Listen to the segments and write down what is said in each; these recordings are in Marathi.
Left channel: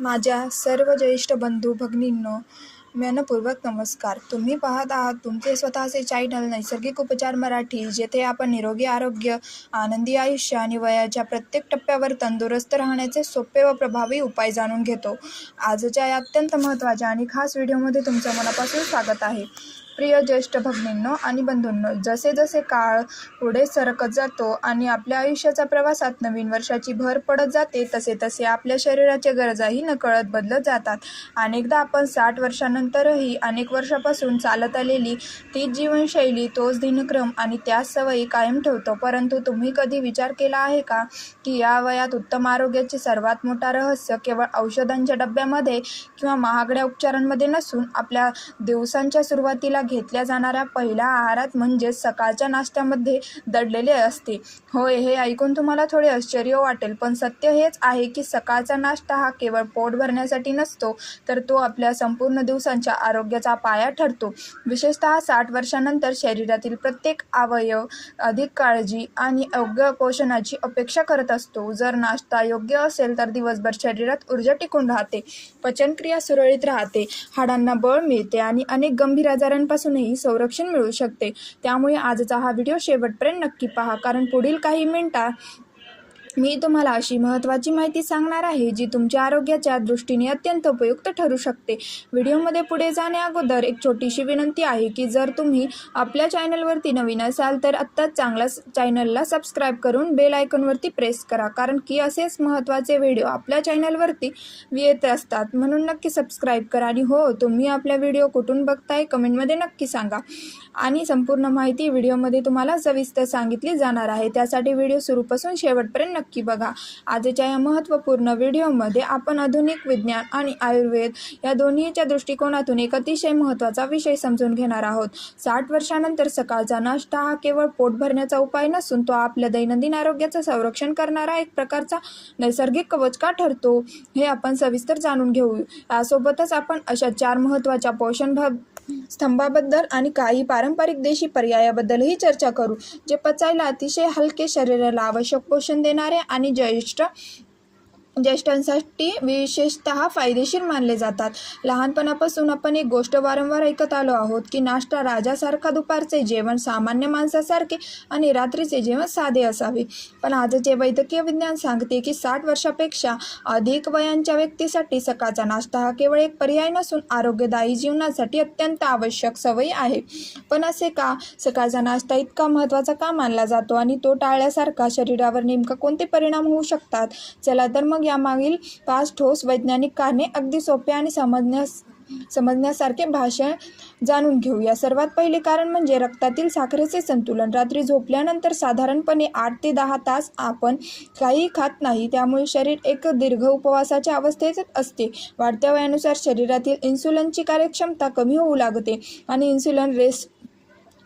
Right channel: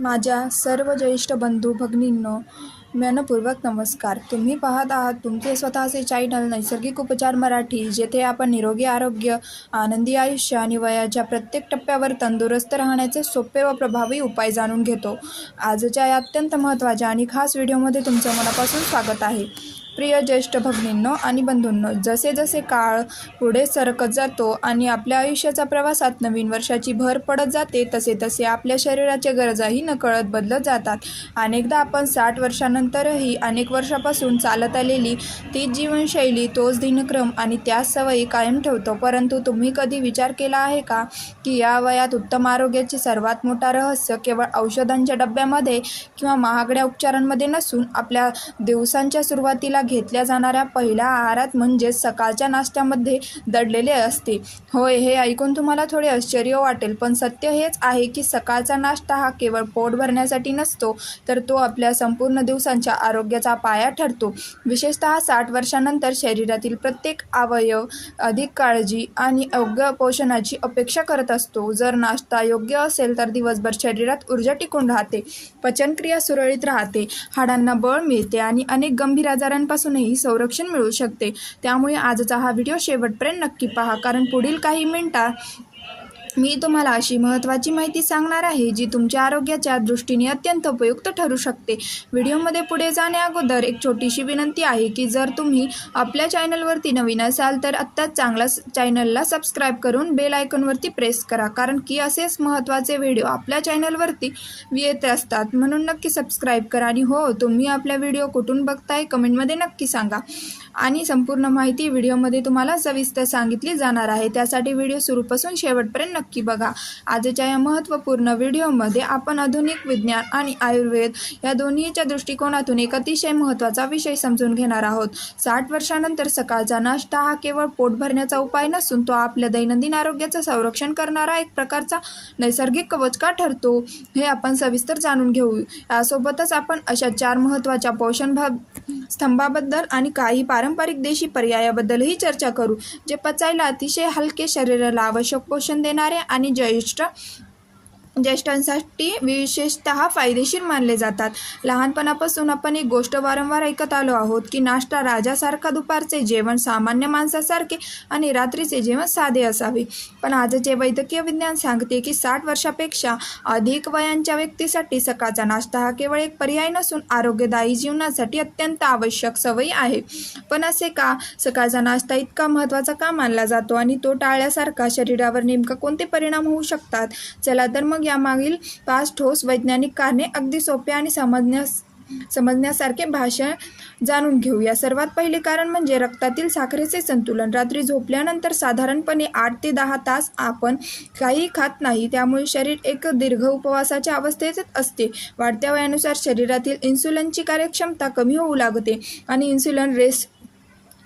माझ्या सर्व ज्येष्ठ बंधू भगिनींनो, मनपूर्वक नमस्कार. तुम्ही पाहत आहात तुमचे स्वतःचे चॅनल नैसर्गिक उपचार मराठी, जेथे आपण निरोगी आरोग्य, आनंदी आयुष्य आणि वयाच्या प्रत्येक टप्प्यावर तंदुरुस्त राहण्याचे सोपे व प्रभावी उपाय जाणून घेतो. आजच्या या अत्यंत महत्त्वाच्या आणि खास व्हिडिओमध्ये तुमचं मनापासून स्वागत आहे. प्रिय ज्येष्ठ भगिनींनो आणि बंधूंनो, जसे जसे काळ पुढे सरकत जातो आणि आपल्या आयुष्याच्या प्रवासात नवीन वर्षाची भर पडत जाते, तसे तसे आपल्या शरीराच्या गरजाही नकळत बदलत जातात. अनेकदा आपण 60 वर्षांनंतरही अनेक वर्षापासून चालत आलेली तीच जीवनशैली, तोच दिनक्रम आणि त्याच सवयी कायम ठेवतो. परंतु तुम्ही कधी विचार केला आहे का की या वयात उत्तम आरोग्याचे सर्वात मोठा रहस्य केवळ औषधांच्या डब्यामध्ये किंवा महागड्या उपचारांमध्ये नसून आपल्या दिवसांच्या सुरुवातीला घेतल्या जाणाऱ्या पहिल्या आहारात म्हणजेच सकाळच्या नाश्त्यामध्ये दडलेले असते. होय, हे ऐकून तुम्हाला थोडे आश्चर्य वाटेल, पण सत्य हेच आहे की सकाळचा नाश्ता हा केवळ पोट भरण्यासाठी नसतो, तर तो आपल्या संपूर्ण दिवसांच्या आरोग्याचा पाया ठरतो. विशेषतः 60 वर्षांनंतर शरीरातील प्रत्येक अवयव अधिक काळजी आणि योग्य पोषणाची अपेक्षा करत असतो. जर नाश्ता योग्य असेल तर दिवसभर शरीरात ऊर्जा टिकून राहते, पचनक्रिया सुरळीत राहते, हाडांना बळ मिळते आणि अनेक गंभीर आजारांपासूनही संरक्षण मिळू शकते. त्यामुळे आजचा हा व्हिडिओ शेवटपर्यंत नक्की पहा, कारण पुढील काही मिनिटात मी तुम्हाला अशी महत्त्वाची माहिती सांगणार आहे जी तुमच्या आरोग्याच्या दृष्टीने अत्यंत उपयुक्त ठरू शकते. व्हिडिओमध्ये पुढे जाण्याअगोदर एक छोटीशी विनंती आहे की जर तुम्ही आपल्या चॅनलवरती नवीन असाल तर आत्ताच चॅनलला सबस्क्राईब करून बेल आयकॉनवरती प्रेस करा, कारण की असेच महत्त्वाचे व्हिडिओ आपल्या चॅनलवरती येत असतात. म्हणून नक्की सबस्क्राईब करा. आणि हो, तुम्ही आपल्या व्हिडिओ कुठून बघताय कमेंटमध्ये नक्की सांगा. आणि संपूर्ण माहिती व्हिडिओमध्ये तुम्हाला सविस्तर सांगितली जाणार आहे, त्यासाठी व्हिडिओ सुरूपासून शेवटपर्यंत नक्की बघा. आजच्या या महत्त्वपूर्ण व्हिडिओमध्ये आपण आधुनिक विज्ञान आणि आयुर्वेद या दोन्हीच्या दृष्टिकोनातून एक अतिशय महत्त्वाचा विषय समजून घेणार आहोत. 60 वर्षांनंतर सकाळचा नाश्ता हा केवळ पोट भरण्याचा उपाय नसून तो आपल्या दैनंदिन आरोग्याचं संरक्षण करणारा एक प्रकारचा नैसर्गिक कवच का ठरतो, हे आपण सविस्तर जाणून घेऊ. यासोबतच आपण अशा 4 महत्त्वाच्या पोषण स्तंभाबद्दल आणि काही पारंपरिक देशी पर्यायाबद्दलही चर्चा करू, जे पचायला अतिशय हलके, शरीराला आवश्यक पोषण देणारे आणि ज्येष्ठांसाठी विशेषतः फायदेशीर मानले जातात. लहानपणापासून आपण एक गोष्ट वारंवार ऐकत आलो आहोत की नाश्ता राजासारखा, दुपारचे जेवण सामान्य माणसासारखे आणि रात्रीचे जेवण साधे असावे. पण आजचे वैद्यकीय विज्ञान सांगते की 60 वर्षापेक्षा अधिक वयांच्या व्यक्तीसाठी सकाळचा नाश्ता हा केवळ एक पर्याय नसून आरोग्यदायी जीवनासाठी अत्यंत आवश्यक सवयी आहे. पण असे का? सकाळचा नाश्ता इतका महत्त्वाचा का मानला जातो आणि तो टाळल्यासारखा शरीरावर नेमका कोणते परिणाम होऊ शकतात? चला तर मग यामागील 5 ठोस वैज्ञानिक कारणे अगदी सोपे आणि समजण्यासारखे भाषा जाणून घेऊया. सर्वात पहिले कारण म्हणजे रक्तातील साखरेचे संतुलन. रात्री झोपल्यानंतर साधारणपणे 8 ते 10 तास आपण काही खात नाही, त्यामुळे शरीर एक दीर्घ उपवासाच्या अवस्थेत असते. वाढत्या वयानुसार शरीरातील इन्सुलिनची कार्यक्षमता कमी होऊ लागते आणि इन्सुलिन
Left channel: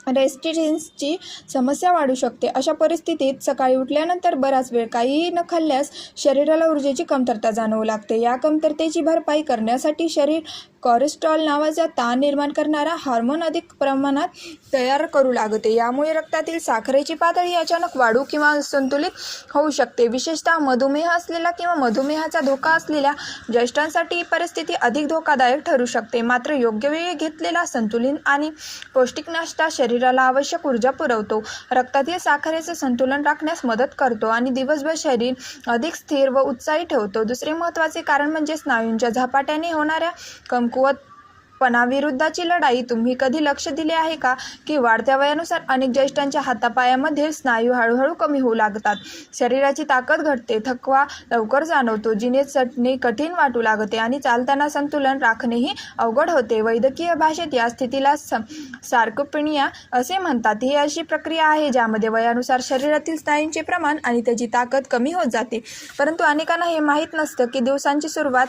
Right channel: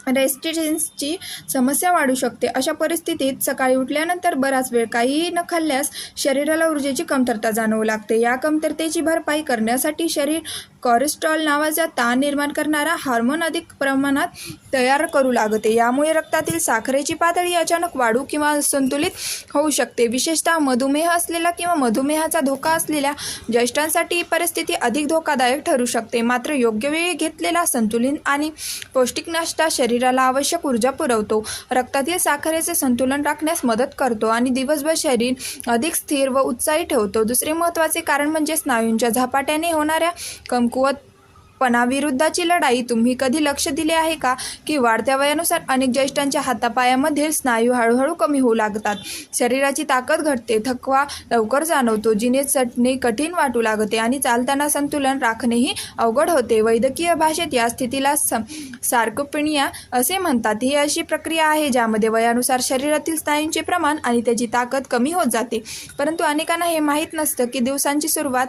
रेसिस्टन्सची समस्या वाढू शकते. अशा परिस्थितीत सकाळी उठल्यानंतर बराच वेळ काहीही न खाल्ल्यास शरीराला ऊर्जेची कमतरता जाणवू लागते. या कमतरतेची भरपाई करण्यासाठी शरीर कोलेस्ट्रॉल नावाचा ताण निर्माण करणारा हार्मोन अधिक प्रमाणात तयार करू लागते. यामुळे रक्तातील साखरेची पातळी अचानक वाढू किंवा संतुलित होऊ शकते. विशेषतः मधुमेह असलेला किंवा मधुमेहाचा धोका असलेल्या ज्येष्ठांसाठी ही परिस्थिती अधिक धोकादायक ठरू शकते. मात्र योग्य वेळी घेतलेला संतुलित आणि पौष्टिक नाश्ता शरीराला आवश्यक ऊर्जा पुरवतो, रक्तातील साखरेचे संतुलन राखण्यास मदत करतो आणि दिवसभर शरीर अधिक स्थिर व उत्साही ठेवतो. दुसरे महत्त्वाचे कारण म्हणजे स्नायूंच्या झपाट्याने होणाऱ्या कमकुवतपणाविरुद्धची लढाई. तुम्ही कधी लक्ष दिले आहे का की वाढत्या वयानुसार अनेक ज्येष्ठांच्या हातापायामधील स्नायू हळूहळू कमी होऊ लागतात, शरीराची ताकद घटते, थकवा लवकर जाणवतो, जिने चटणे कठीण वाटू लागते आणि चालताना संतुलन राखणेही अवघड होते. वैद्यकीय भाषेत या स्थितीला सार्कोपेनिया असे म्हणतात. ही अशी प्रक्रिया आहे ज्यामध्ये वयानुसार शरीरातील स्नायूंचे प्रमाण आणि त्याची ताकद कमी होत जाते. परंतु अनेकांना हे माहीत नसतं की दिवसांची सुरुवात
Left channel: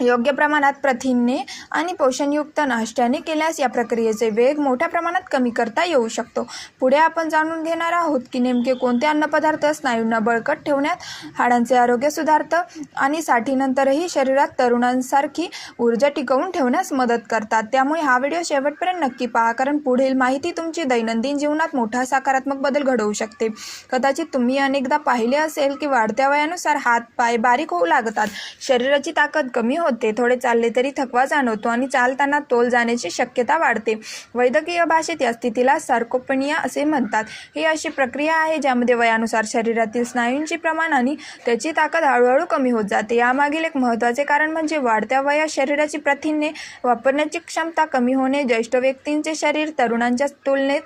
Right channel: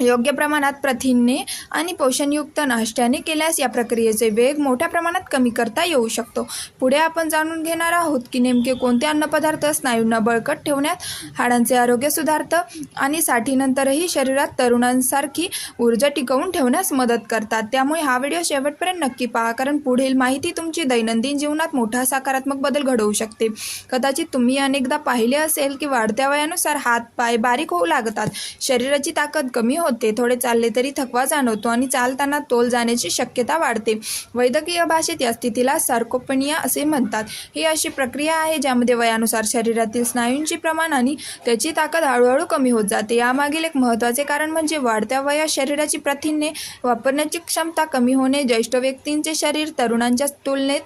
योग्य प्रमाणात प्रथिने आणि पोषणयुक्त नाश्त्याने केल्यास या प्रक्रियेचे वेग मोठ्या प्रमाणात कमी करता येऊ शकतो. पुढे आपण जाणून घेणार आहोत की नेमके कोणते अन्नपदार्थ स्नायूंना बळकट ठेवण्यात, हाडांचे आरोग्य सुधारतं आणि साठीनंतरही शरीरात तरुणांसारखी ऊर्जा टिकवून ठेवण्यास मदत करतात. त्यामुळे हा व्हिडिओ शेवटपर्यंत नक्की पहा, कारण पुढील माहिती तुमची दैनंदिन जीवनात मोठा सकारात्मक बदल घडवू शकते. कदाचित तुम्ही अनेकदा पाहिले असेल की वाढत्या वयानुसार हात पाय बारीक होऊ लागतात, शरीराची ताकद कमी होते, थोडे चालले तरी थकवा जाणवतो आणि चालताना तोल जाण्याची शक्यता वाढते. वैद्यकीय भाषेत या स्थितीला सार्कोपेनिया असे म्हणतात. ही अशी प्रक्रिया आहे ज्यामध्ये वयानुसार शरीरातील स्नायूंचे प्रमाण आणि त्याची ताकद हळूहळू कमी होत जाते. यामागील एक महत्त्वाचे कारण म्हणजे वाढत्या वयात शरीराची प्रथिने वापरण्याची क्षमता कमी होणे. ज्येष्ठ व्यक्तींचे शरीर तरुणांच्या तुलनेत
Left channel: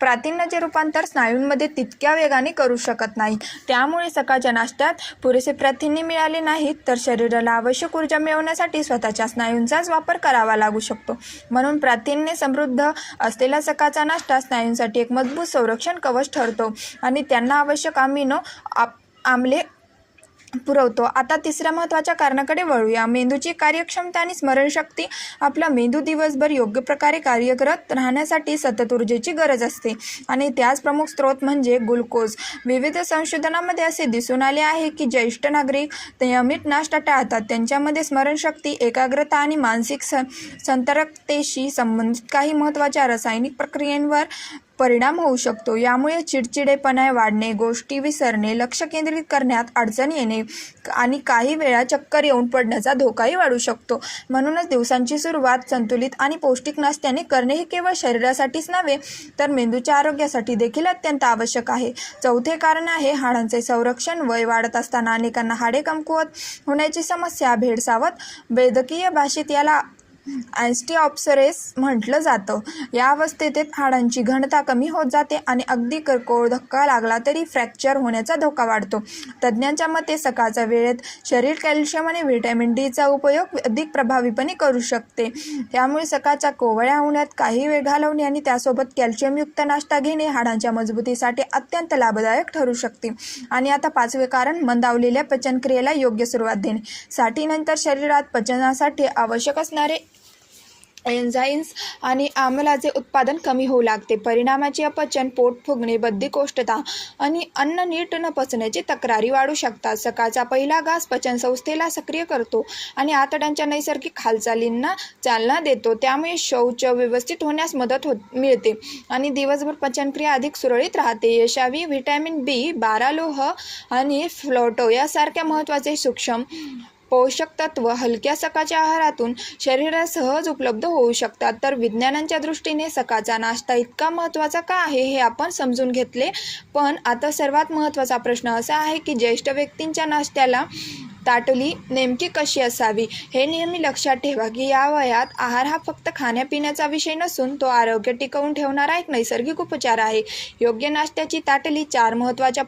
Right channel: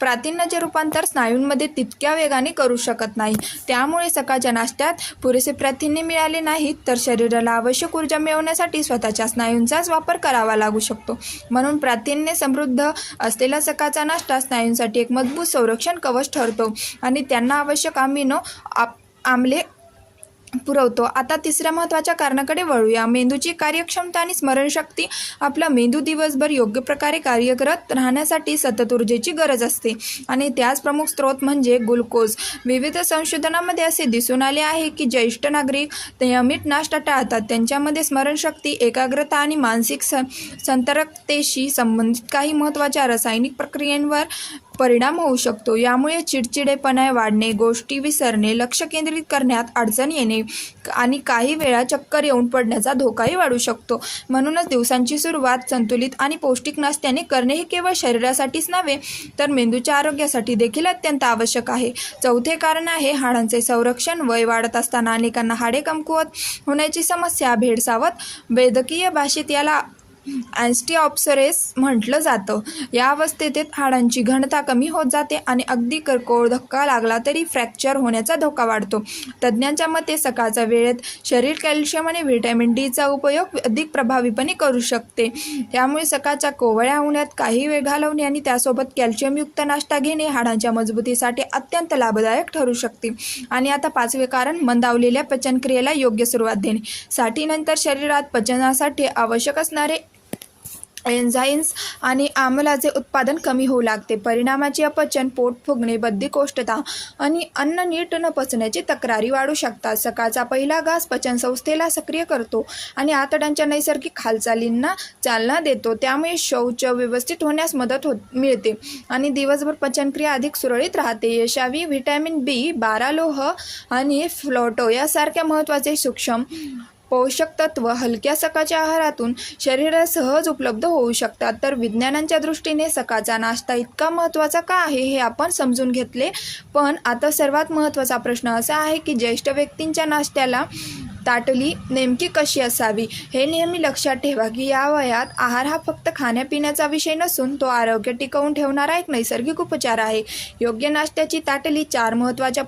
प्रथिनांचे रूपांतर स्नायूंमध्ये तितक्या वेगाने करू शकत नाही. त्यामुळे सकाळच्या नाश्त्यात पुरेसे प्रथिने मिळाले नाहीत तर शरीराला आवश्यक ऊर्जा मिळवण्यासाठी स्वतःच्या स्नायूंचाच वापर करावा लागू शकतो. म्हणून प्रथिने समृद्ध असलेला सकाळचा नाश्ता स्नायूंसाठी एक मजबूत संरक्षण कवच ठरतो आणि त्यांना आवश्यक अमिनो आम्ले पुरवतो. आता तिसऱ्या महत्त्वाच्या कारणाकडे वळूया. मेंदूची कार्यक्षमता आणि स्मरणशक्ती. आपला मेंदू दिवसभर योग्य प्रकारे कार्य करत राहण्यासाठी सतत ऊर्जेची गरज असते आणि त्याच प्रमुख स्रोत म्हणजे ग्लुकोज. विविध संशोधनामध्ये असे दिसून आले आहे की ज्येष्ठ नागरिक नियमित नाश्ता टाळतात त्यांच्यामध्ये स्मरणशक्ती, एकाग्रता आणि मानसिक सतर्कतेशी संबंधित काही महत्त्वाच्या रासायनिक प्रक्रियांवर परिणाम होऊ शकतो. यामुळे चिडचिडेपणा वाढणे, गोष्टी विसरणे, लक्ष केंद्रित करण्यात अडचण येणे आणि काही वेळा चक्कर येऊन पडण्याचा धोकाही वाढू शकतो. म्हणूनच दिवसांची सुरुवात संतुलित आणि पौष्टिक नाश्त्याने करणे हे केवळ शरीरासाठीच नव्हे तर मेंदूच्या आरोग्यासाठी देखील अत्यंत आवश्यक आहे. चौथे कारण आहे हाडांचे संरक्षण. वय वाढत असताना अनेकांना हाडे कमकुवत होण्याची समस्या भेडसावत. वैद्यकीय भाषेत याला ऑस्टिओपॉरोसिस म्हटलं जातं. या अवस्थेत हाडांची घनता कमी होत जाते आणि अगदी किरकोळ धक्का लागला तरी फ्रॅक्चर होण्याचा धोका वाढतो. तज्ज्ञांच्या मते सकाळच्या वेळेत शरीर कॅल्शियम आणि व्हिटॅमिन डीचा उपयोग अधिक प्रभावीपणे करू शकते. त्यामुळे सकाळच्या कोवळ्या उन्हात काही वेळ घालवणे आणि त्यासोबत कॅल्शियमयुक्त नाश्ता घेणे हाडांच्या मजबूतीसाठी अत्यंत लाभदायक ठरू शकते. आणि आता पाचवे कारण, मंदावलेल्या पचनक्रियेला योग्य सुरुवात देणे. साठीनंतर शरीरात पचनासाठी आवश्यक असणारे एन्झाईम्स आणि आम्लाचे उत्पादन कमी होऊ लागते. परिणामाची अपचन, पोट फुगणे, बद्धकोष्ठता आणि अन्न नीट न पचण्याची तक्रारी वाढू शकतात. सकाळचा पहिला घास पचनसंस्थेला सक्रिय करतो आणि आतड्यांच्या नैसर्गिक हालचालींना चालना देतो. त्यामुळे शौच व्यवस्थित होण्यास मदत मिळते आणि दिवसभर पचनक्रिया अधिक सुरळीत राहते. यशावी व्हिटॅमिन B12, लोह आणि फ्लोटो यासारख्या महत्त्वाचे सूक्ष्म पोषक तत्व हलक्या सकाळच्या आहारातून शरीरात सहज उपलब्ध होऊ शकतात. तर विज्ञानाच्या दृष्टीने सकाळचा नाश्ता इतका महत्त्वाचा का आहे हे आपण समजून घेतले. पण आता सर्वात महत्त्वाचा प्रश्न असा आहे की ज्येष्ठ व्यक्तींच्या नाश्त्याला ताटली नेमकी कशी असावी. हे नेहमी लक्षात ठेवा की या वयात आहार हा फक्त खाण्यापिण्याचा विषय नसून तो आरोग्य टिकवून ठेवणारा एक नैसर्गिक उपचार आहे. योग्य नाश्त्याची ताटली 4 महत्त्वाच्या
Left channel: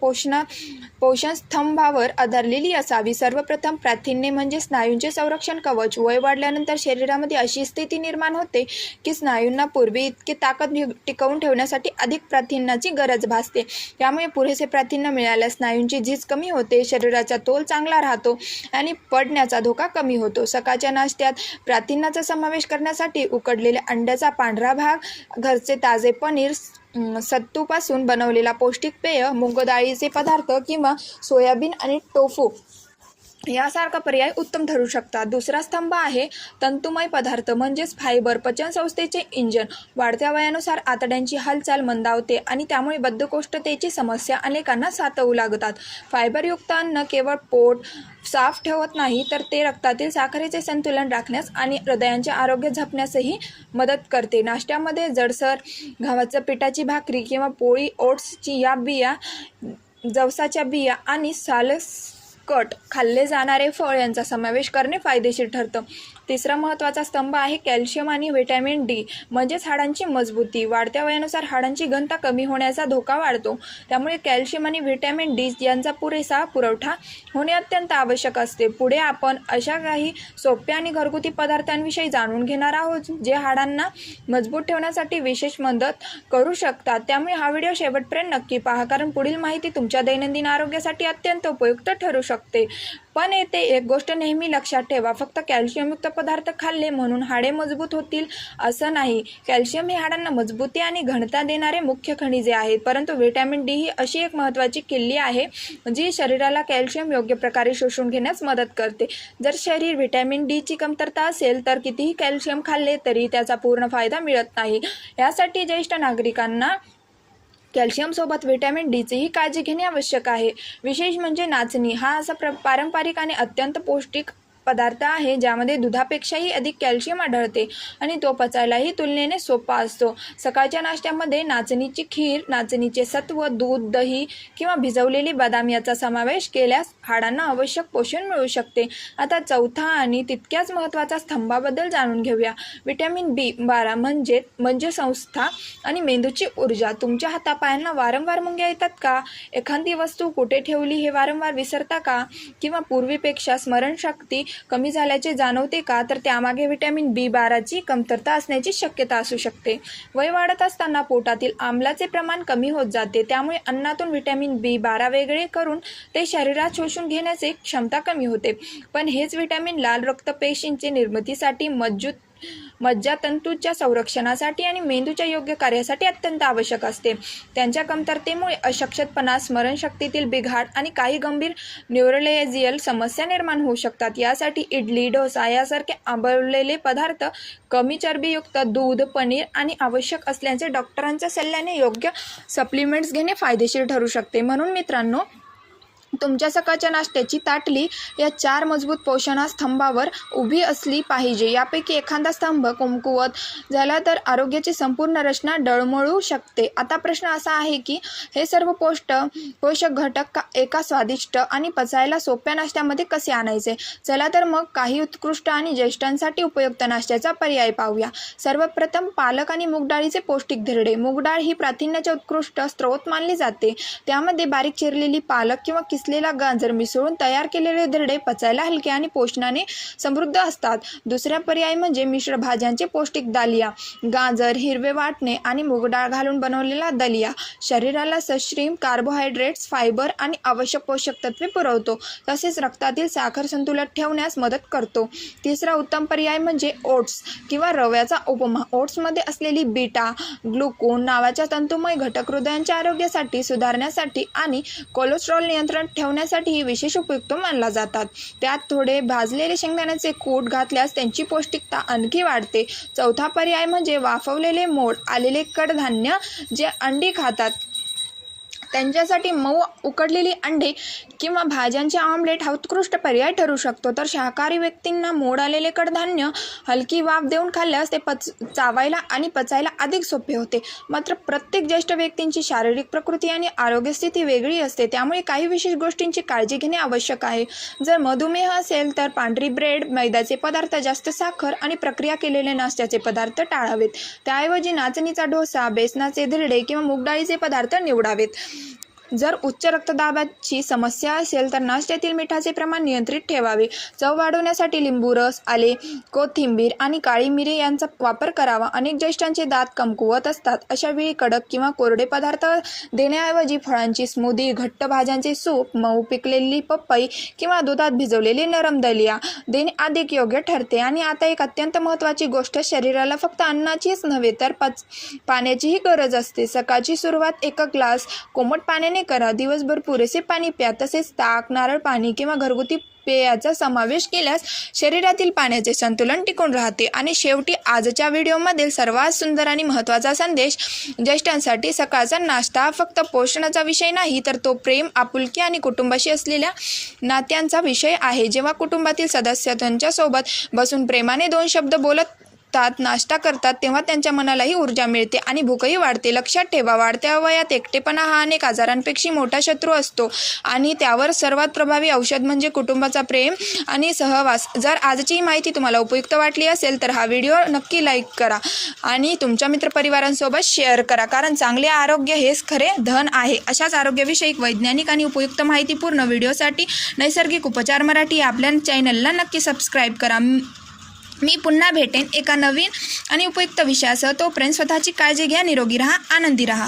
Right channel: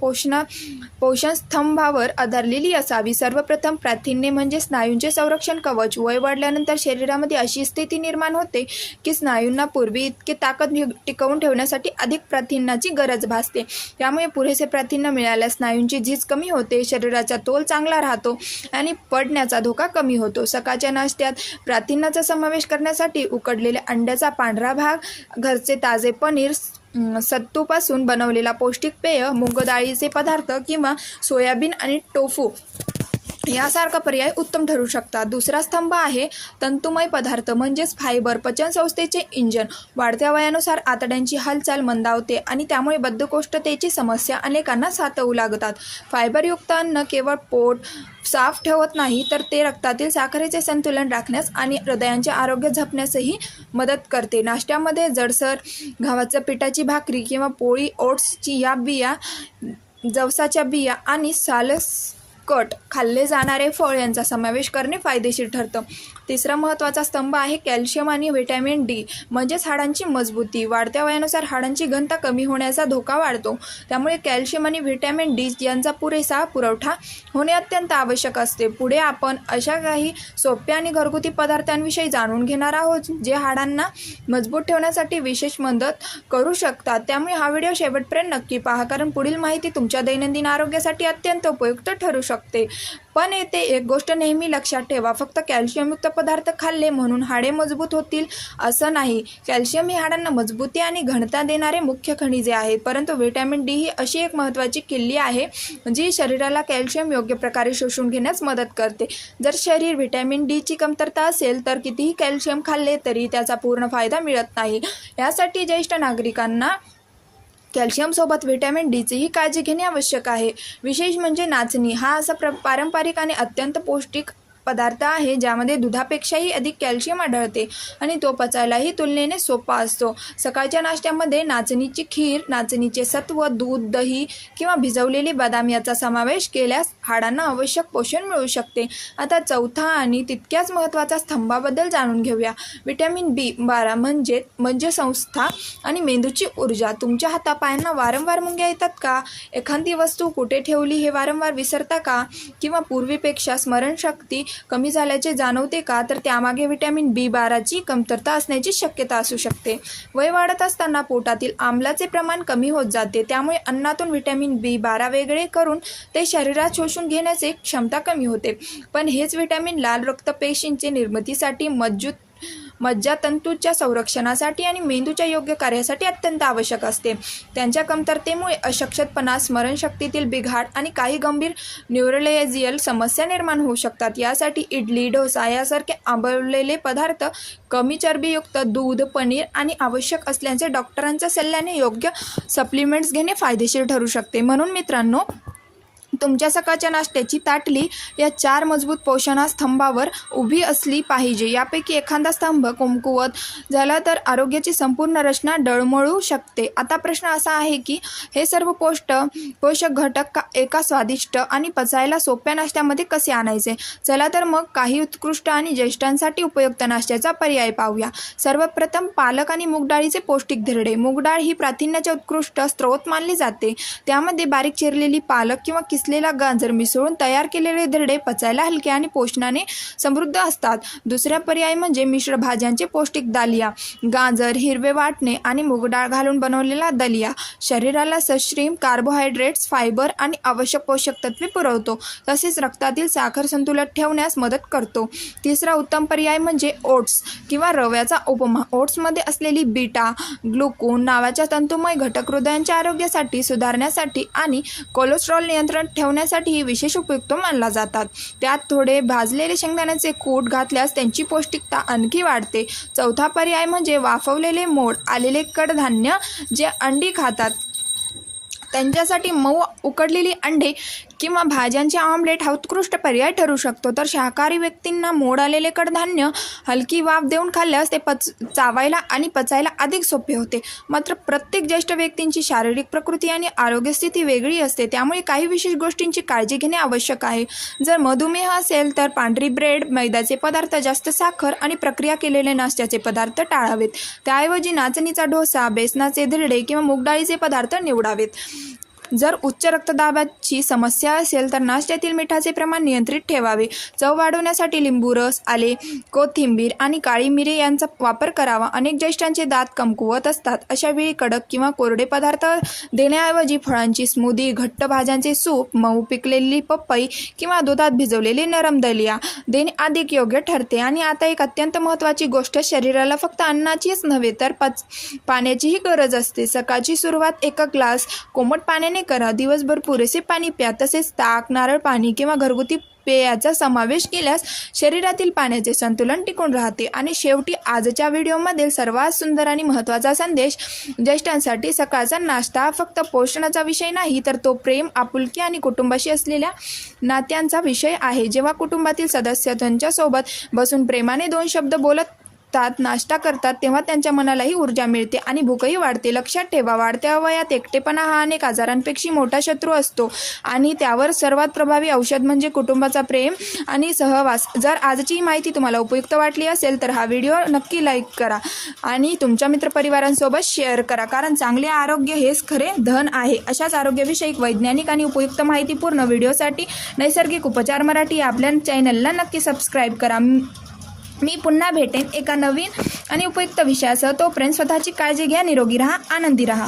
पोषणस्तंभावर आधारलेली असावी. सर्वप्रथम प्रथिने म्हणजे स्नायूंचे संरक्षण कवच. वय वाढल्यानंतर शरीरामध्ये अशी स्थिती निर्माण होते की स्नायूंना पूर्वी इतके ताकद टिकवून ठेवण्यासाठी अधिक प्रथिनांची गरज भासते. त्यामुळे पुरेसे प्रथिने मिळाल्यास स्नायूंची झीज कमी होते, शरीराचा तोल चांगला राहतो आणि पडण्याचा धोका कमी होतो. सकाळच्या नाश्त्यात प्रथिनांचा समावेश करण्यासाठी उकडलेल्या अंड्याचा पांढरा भाग, घरचे ताजे पनीर, सत्तूपासून बनवलेला पौष्टिक पेय, मूग डाळीचे पदार्थ किंवा सोयाबीन आणि टोफू यासारखा पर्याय उत्तम ठरू शकतात. दुसरा स्तंभ आहे तंतुमय पदार्थ म्हणजेच फायबर. पचनसंस्थेचे इंजन. वाढत्या वयानुसार आतड्यांची हालचाल मंदावते आणि त्यामुळे बद्धकोष्ठतेची समस्या अनेकांना सातवू लागतात. फायबरयुक्त अन्न केवळ पोट साफ ठेवत नाही तर ते रक्तातील साखरेचे संतुलन राखण्यास आणि हृदयाचे आरोग्य जपण्यासही मदत करते. नाश्त्यामध्ये जडसर गव्हाच्या पिठाची भाकरी किंवा पोळी, ओट्सची या बिया, जवसाच्या बिया आणि सालकट खाल्ले जाणारे फळ यांचा समावेश करणे फायदेशीर ठरतं. तिसरा महत्त्वाचा स्तंभ आहे कॅल्शियम आणि व्हिटॅमिन डी म्हणजेच हाडांची मजबूती. वाढत्या वयानुसार हाडांची घनता कमी होण्याचा धोका वाढतो. त्यामुळे कॅल्शियम आणि व्हिटॅमिन डी यांचा पुरेसा पुरवठा होणे अत्यंत आवश्यक असते. पुढे आपण अशा काही सोप्या आणि घरगुती पदार्थांविषयी जाणून घेणार आहोत जे हाडांना मजबूत ठेवण्यासाठी विशेष मदत करू शकतात. त्यामुळे हा व्हिडिओ शेवटपर्यंत नक्की पहा, कारण पुढील माहिती तुमच्या दैनंदिन आरोग्यासाठी अत्यंत उपयुक्त ठरू शकते. शकते. पण येथे एक गोष्ट नेहमी लक्षात ठेवा, फक्त कॅल्शियमयुक्त पदार्थ खाल्ले म्हणून हाडे मजबूत होतील असं नाही. कॅल्शियम हे हाडांना मजबूती आणि घनता देणारे मुख्य खनिजे आहेत, परंतु व्हिटॅमिन डी ही अशी एक महत्त्वाची किल्ली आहे जी शरीराला कॅल्शियम योग्य प्रकारे शोषून घेण्यास मदत करते. जर शरीर व्हिटॅमिन डी ची कमतरता असेल तर कितीही कॅल्शियम खाल्ले तरी त्याचा पूर्ण फायदा मिळत नाही. यासाठी ज्येष्ठ नागरिकांना कॅल्शियमसोबत व्हिटॅमिन डीचीही काळजी घेणे आवश्यक आहे. विशेष म्हणजे नाचणी हा असा पारंपरिक आणि अत्यंत पौष्टिक पदार्थ आहे ज्यामध्ये दुधापेक्षाही अधिक कॅल्शियम आढळते आणि तो पचायलाही तुलनेने सोपा असतो. सकाळच्या नाश्त्यामध्ये नाचणीची खीर, नाचणीचे सत्व, दूध, दही किंवा भिजवलेली बदाम याचा समावेश केल्यास हाडांना आवश्यक पोषण मिळू शकते. आता चौथा आणि तितक्याच महत्त्वाचा स्तंभाबद्दल जाणून घेऊया. व्हिटॅमिन B12 म्हणजे संस्था आणि मेंदूची ऊर्जा. तुमच्या हातापायांना वारंवार मुंग्या येतात का? एखादी वस्तू कुठे ठेवली हे वारंवार विसरता का? किंवा पूर्वीपेक्षा स्मरणशक्ती कमी झाल्याचे जाणवते का? तर त्यामागे व्हिटॅमिन B12 ची कमतरता असण्याची शक्यता असू शकते. वय वाढत असताना पोटातील आम्लाचे प्रमाण कमी होत जाते, त्यामुळे अन्नातून व्हिटॅमिन B12 वेगळे करून ते शरीरात शोषून घेण्याची क्षमता कमी होते. पण हेच व्हिटॅमिन लाल रक्तपेशींची निर्मितीसाठी, मज्जातंतूच्या संरक्षणासाठी आणि मेंदूच्या योग्य कार्यासाठी अत्यंत आवश्यक असते. त्यांच्या कमतरतेमुळे अशक्तपणा, स्मरणशक्तीतील बिघाड आणि काही गंभीर न्यूरोलॉजिकल समस्या निर्माण होऊ शकतात. यासाठी इडली, डोसा यासारखे आंबवलेले पदार्थ, कमी चरबीयुक्त दूध, पनीर आणि आवश्यक असल्याचे डॉक्टरांच्या सल्ल्याने योग्य सप्लिमेंट्स घेणे फायदेशीर ठरू शकते. म्हणून मित्रांनो, तुमच्या सकाळच्या नाश्त्याची ताटली या 4 मजबूत पोषणस्तंभावर उभी असली पाहिजे. यापैकी एखादा स्तंभ कमकुवत झाला तर आरोग्याची संपूर्ण रचना डळमळू शकते. आता प्रश्न असा आहे की हे सर्व पोषक घटक एका स्वादिष्ट आणि पचायला सोप्या नाश्त्यामध्ये कसे आणायचे? चला तर मग काही उत्कृष्ट आणि ज्येष्ठांसाठी उपयुक्त नाश्त्याचा पर्याय पाहूया. सर्वप्रथम पालक आणि मूग डाळीचे पौष्टिक धिरडे. मूग डाळ ही प्रथिनाचे उत्कृष्ट स्रोत मानली जाते. त्यामध्ये बारीक चिरलेली पालक किंवा किसलेला गाजर मिसळून तयार केलेले धिरडे पचायला हलके आणि पोषणाने समृद्ध असतात. दुसरा पर्याय म्हणजे मिश्र भाज्यांचे पौष्टिक दालिया. गाजर, हिरवे वाटणे आणि मूग डाळ घालून बनवलेला दलिया शरीराला सश्रीम कार्बोहायड्रेट्स, फायबर आणि आवश्यक पोषक तत्वे पुरवतो, तसेच रक्तातील साखर संतुलित ठेवण्यास मदत करतो. तिसरा उत्तम पर्याय म्हणजे ओट्स किंवा रव्याचा उपमा. ओट्समध्ये असलेली बीटा ग्लुकॉन नावाच्या तंतुमय घटक हृदयाच्या आरोग्यासाठी, सुधारण्यासाठी आणि कोलेस्ट्रॉल नियंत्रण ठेवण्यासाठी विशेष उपयुक्त मानला जातात. त्यात थोडे भाजलेले शेंगदाण्याचे कूट घातल्यास त्यांची पौष्टिकता आणखी वाढते. चौथा पर्याय म्हणजे वाफवलेले मोड आलेले कडधान्य. जे अंडी खातात त्यांच्यासाठी मऊ उकडलेली अंडे किंवा भाज्यांचे ऑमलेट हा उत्कृष्ट पर्याय ठरू शकतो. तर शाकाहारी व्यक्तींना मोड आलेले कडधान्य हलकी वाफ देऊन खाल्ल्यास ते चावायला आणि पचायला अधिक सोपे होते. मात्र प्रत्येक ज्येष्ठ व्यक्तींची शारीरिक प्रकृती आणि आरोग्य स्थिती वेगळी असते, त्यामुळे काही विशेष गोष्टींची काळजी घेणे आवश्यक आहे. जर मधुमेह असेल तर पांढरी ब्रेड, मैद्याचे पदार्थ, जास्त साखर आणि प्रक्रिया केलेले नाश्त्याचे पदार्थ टाळावेत. त्याऐवजी नाचणीचा डोसा, बेसनाचे धिरडे किंवा मूग डाळीचे पदार्थ निवडावेत. जर उच्च रक्तदाबाची समस्या असेल तर नाश्त्यातील मिठाचे प्रमाण नियंत्रित ठेवावे. चव वाढवण्यासाठी लिंबू रस, आले, कोथिंबीर आणि काळी मिरी यांचा वापर करावा. अनेक ज्येष्ठांचे दात कमकुवत असतात. अशा वेळी कडक किंवा कोरडे पदार्थ देण्याऐवजी फळांची स्मूदी, घट्ट भाज्यांचे सूप, मऊ पिकलेली पपई किंवा दुधात भिजवलेली नरम दलिया देणे अधिक योग्य ठरते. आणि आता एक अत्यंत महत्त्वाची गोष्ट, शरीराला फक्त अन्नाचीच नव्हे तर पाण्याचीही गरज असते. सकाळची सुरुवात 1 ग्लास कोमट पाण्याने करा. दिवसभर पुरेसे पाणी प्या. तसेच ताक, नारळ पाणी किंवा घरगुती पेयाचा समावेश केल्यास शरीरातील पाण्याचे संतुलन टिकून राहते. आणि शेवटी आजच्या व्हिडिओमधील सर्वात सुंदर आणि महत्त्वाचा संदेश, ज्येष्ठांसाठी सकाळचा नाश्ता हा फक्त पोषणाचा विषय नाही, तर तो प्रेम, आपुलकी आणि कुटुंबाशी असलेल्या नात्यांचा विषय आहे. जेव्हा कुटुंबातील सदस्य त्यांच्यासोबत बसून प्रेमाने 2 शब्द बोलत नाश्ता करतात तेव्हा त्यांच्या मनालाही ऊर्जा मिळते आणि भूकही वाढते. लक्षात ठेवा, वाढत्या वयात एकटेपणा हा अनेक आजारांपेक्षा मोठा शत्रू असतो आणि त्यावर सर्वात प्रभावी औषध म्हणजे कुटुंबाचा प्रेम आणि सहवास. जर आजची माहिती तुम्हाला उपयुक्त वाटली असेल तर हा व्हिडिओ नक्की लाईक करा आणि तुमच्या मित्रपरिवारांसोबत शेअर करा, कारण चांगले आरोग्य हेच खरे धन आहे. अशाच आरोग्यविषयक, वैज्ञानिक आणि उपयुक्त माहितीपूर्ण व्हिडिओसाठी नैसर्गिक उपचार मराठी आपल्या चॅनलला नक्की सबस्क्राईब करा. मी पुन्हा भेटेन एका नवीन आणि उपयुक्त विषयासह. तोपर्यंत स्वतःची काळजी घ्या, निरोगी राहा, आनंदी राहा.